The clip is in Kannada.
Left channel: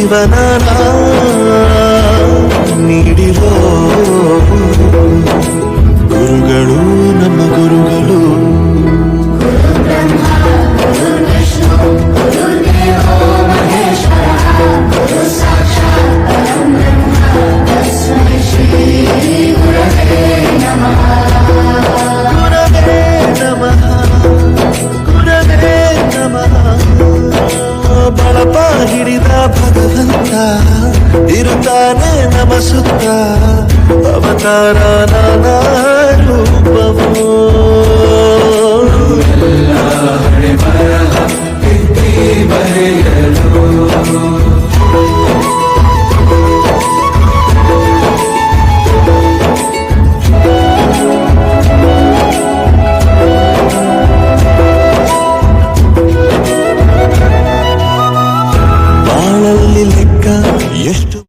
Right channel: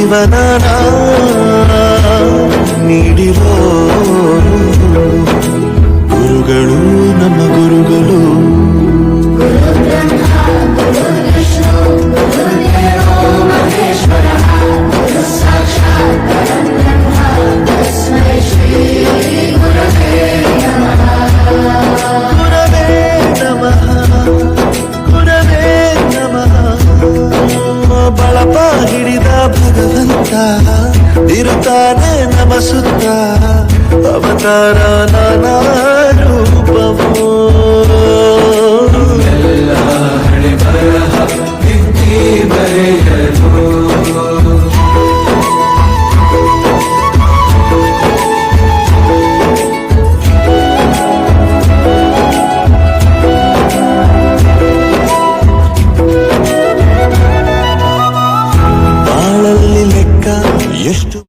జీవన నీడిలో ಬಳಪ ಹಿಡಿದ ಭಗವಂತ. ಇರುತ್ತಾನೆ ನಮ ಸುತ್ತ. ಅವತಾರ ನಾನಾ ಎಷ್ಟು